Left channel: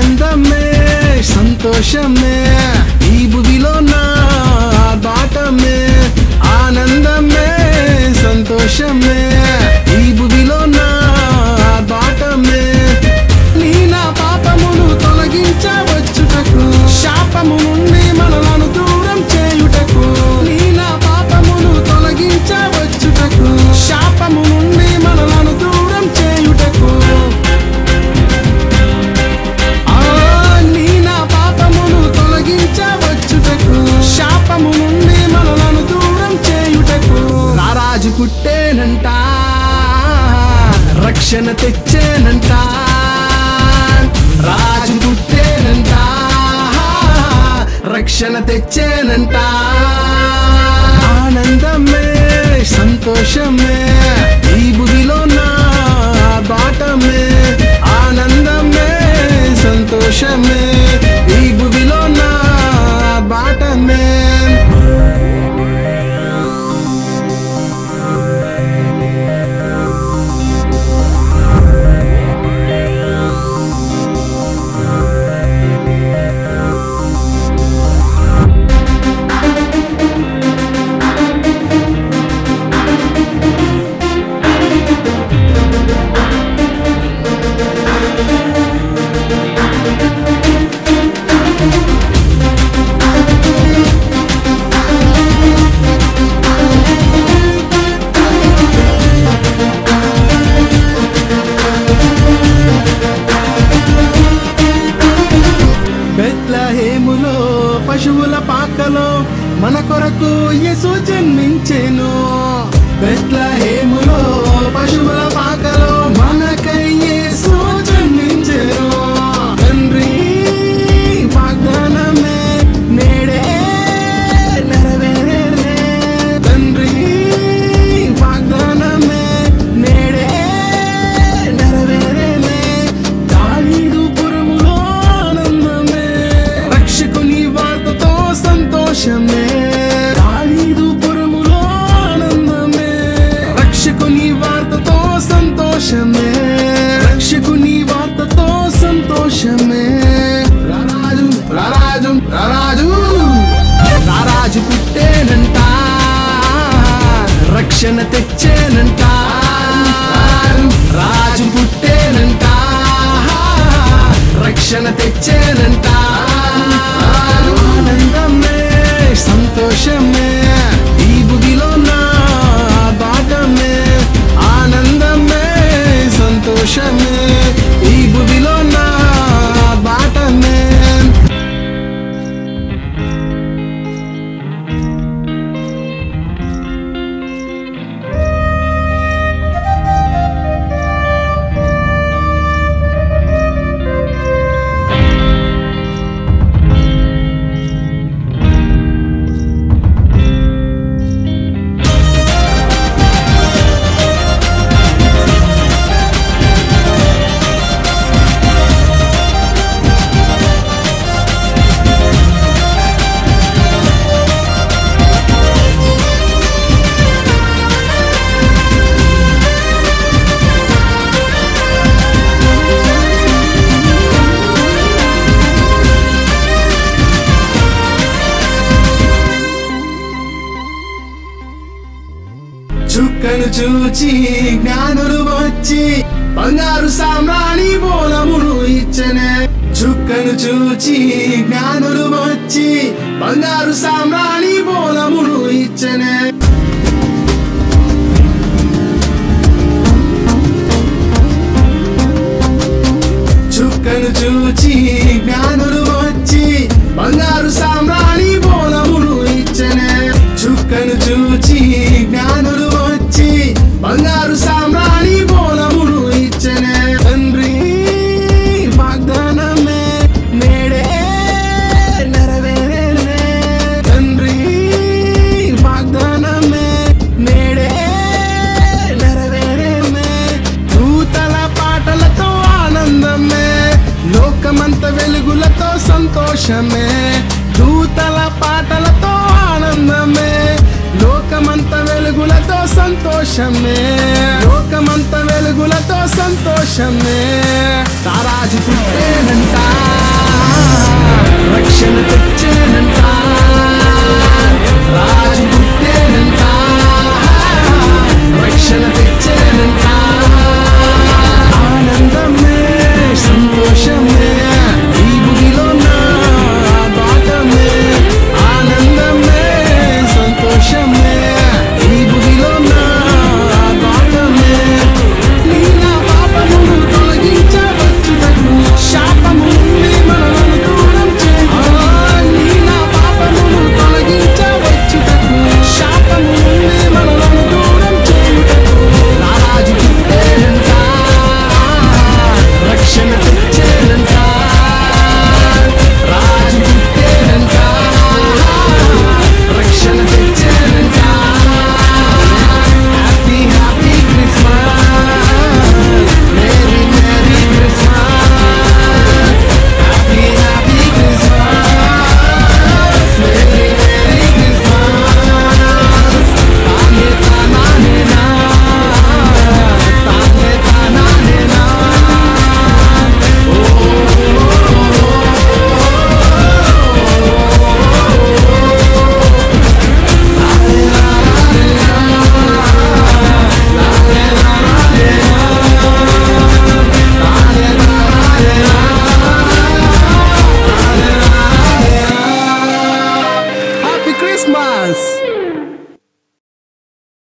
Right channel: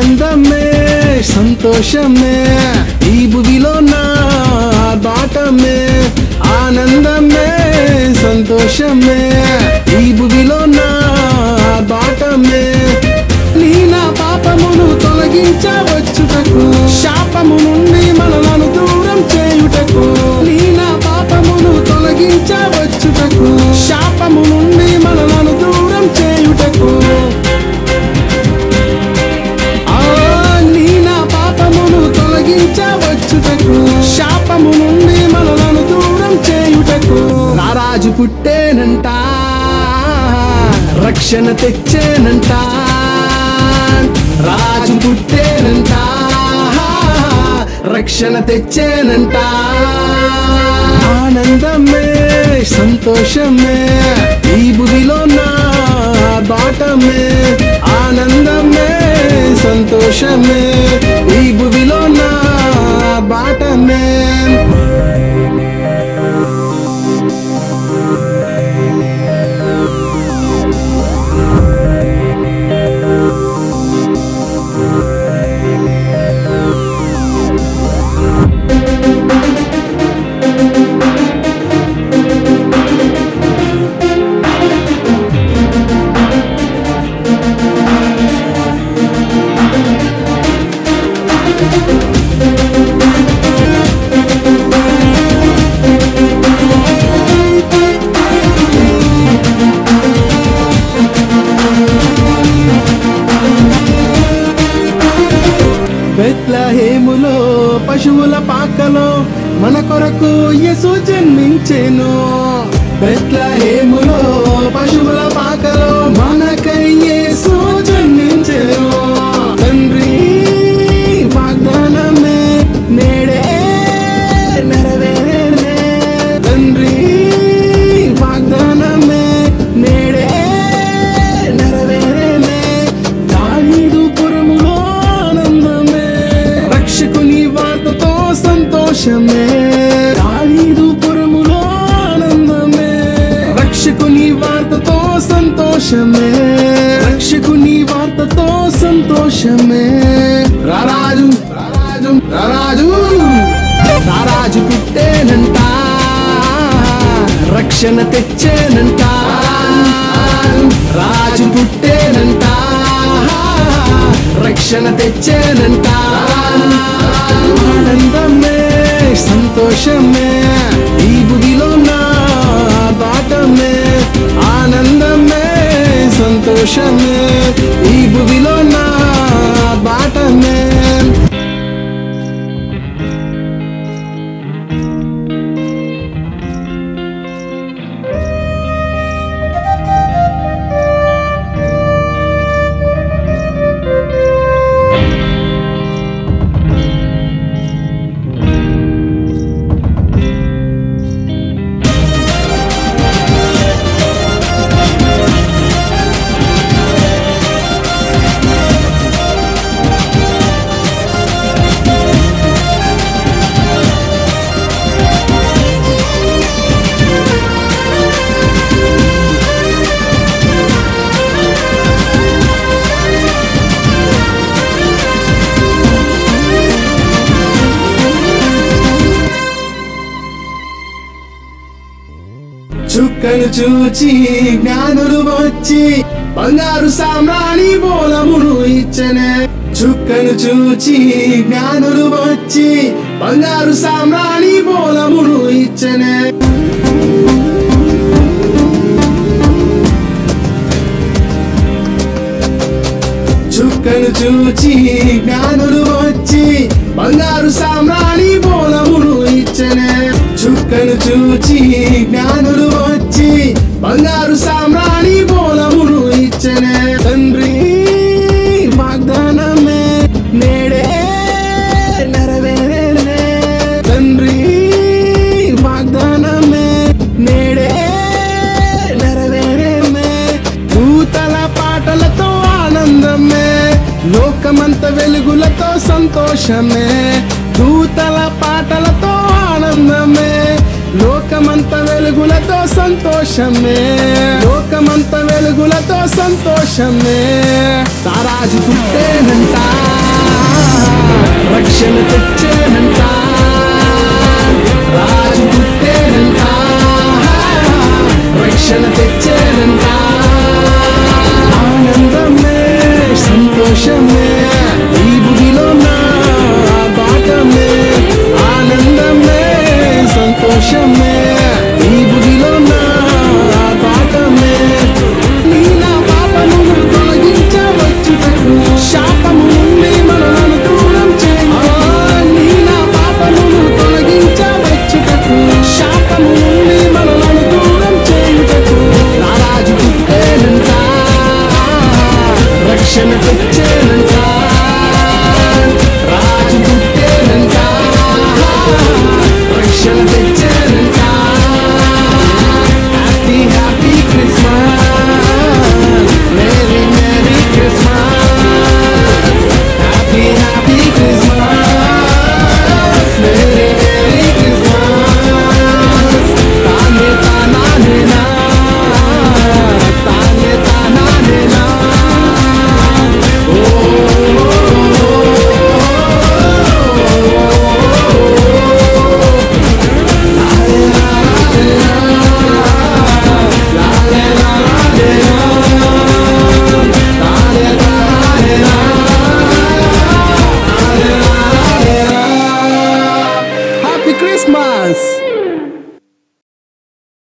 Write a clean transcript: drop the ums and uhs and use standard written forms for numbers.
ఆనందమే సంతోషమే ఈ భువిలో నా బాటమే ఆనందమే సంతోషమే ఈ భువిలో నా బాటమే నీ నా పాపమును తొలగించవచ్చుటకు శాపము నుండి మనలను దూరం చేయుటకు నీ నా పాపమును తొలగించవచ్చుటకు శాపము నుండి మనలను దూరం చేయుటకు నీ నా పాపమును తొలగించవచ్చుటకు శాపము నుండి మనలను దూరం చేయుటకు రారాజు పుట్టేనంట రక్షణ తెచ్చేనంట రాజు పుట్టేనంట రక్షణ తెచ్చేనంట ఆనందమే సంతోషమే ఈ భువిలో నా బాటమే ఆనందమే సంతోషమే ఈ భువిలో నా బాటమే బెత్లెహేములో పశువుల పాకలో మన కొరకు యేసు జన్మించెను బెత్లెహేములో పశువుల పాకలో మనకై యేసు జన్మించెను తండ్రి వాగ్దానమే నేడే నెరవేరేనే తండ్రి వాగ్దానమే నేడే నెరవేరేనే దావీదు పురములో రక్షకుని వార్తతో సంతోషమే దావీదు పురములో ఆనందమే రక్షకుని వార్తతో సంతోషమే రక్షకుని వార్తతో సంతోషమే రారాజు రారాజు రారాజు రారాజు పుట్టేనంట రక్షణ తెచ్చేనంట రాజు పుట్టేనంట రక్షణ తెచ్చేనంట ఆనందమే సంతోషమే ఈ భువిలో నా బాటమే ఆనందమే సంతోషమే ఈ భువిలో నా బాటమే చుక్కను చూచి జ్ఞానులు వచ్చి బంగారు సామ్రాణి బోలమును ఇచ్చనే చుక్కను చూచి జ్ఞానులు వచ్చి బంగారు సామ్రాణి బోలమును ఇచ్చనే చుక్కను చూచి జ్ఞానులు వచ్చి బంగారు సామ్రాణి బోలమును ఇచ్చనే చుక్కను చూచి జ్ఞానులు వచ్చి బంగారు సామ్రాణి బోలమును ఇచ్చనే తండ్రి వాగ్దానమే నేడే నెరవేరేనే తండ్రి వాగ్దానమే నేడే నెరవేరేనే దూతల పాటలతో ఆనందమే లోకమంత వెలుగులతో సంతోషమే దూతల పాటలతో ఆనందమే లోకమంత వెలుగులతో సంతోషమే లోకమంత వెలుగులతో సంతోషమే తారాజు పుట్టేనంట రక్షణ తెచ్చేనంట రాజు పుట్టేనంట రక్షణ తెచ్చేనంట ఆనందమే సంతోషమే ఈ భూమిలో నా బాటమే ఆనందమే సంతోషమే ఈ భూమిలో నా బాటమే నీ నా పాపమును తొలగించవచ్చుటకు శాపము నుండి మనలను దూరం చేయి నీ నా పాపమును తొలగించవచ్చుటకు శాపము నుండి మనలను దూరం చేయుటకు నా రాజు పుట్టేనంట రక్షణ తెచ్చేనంట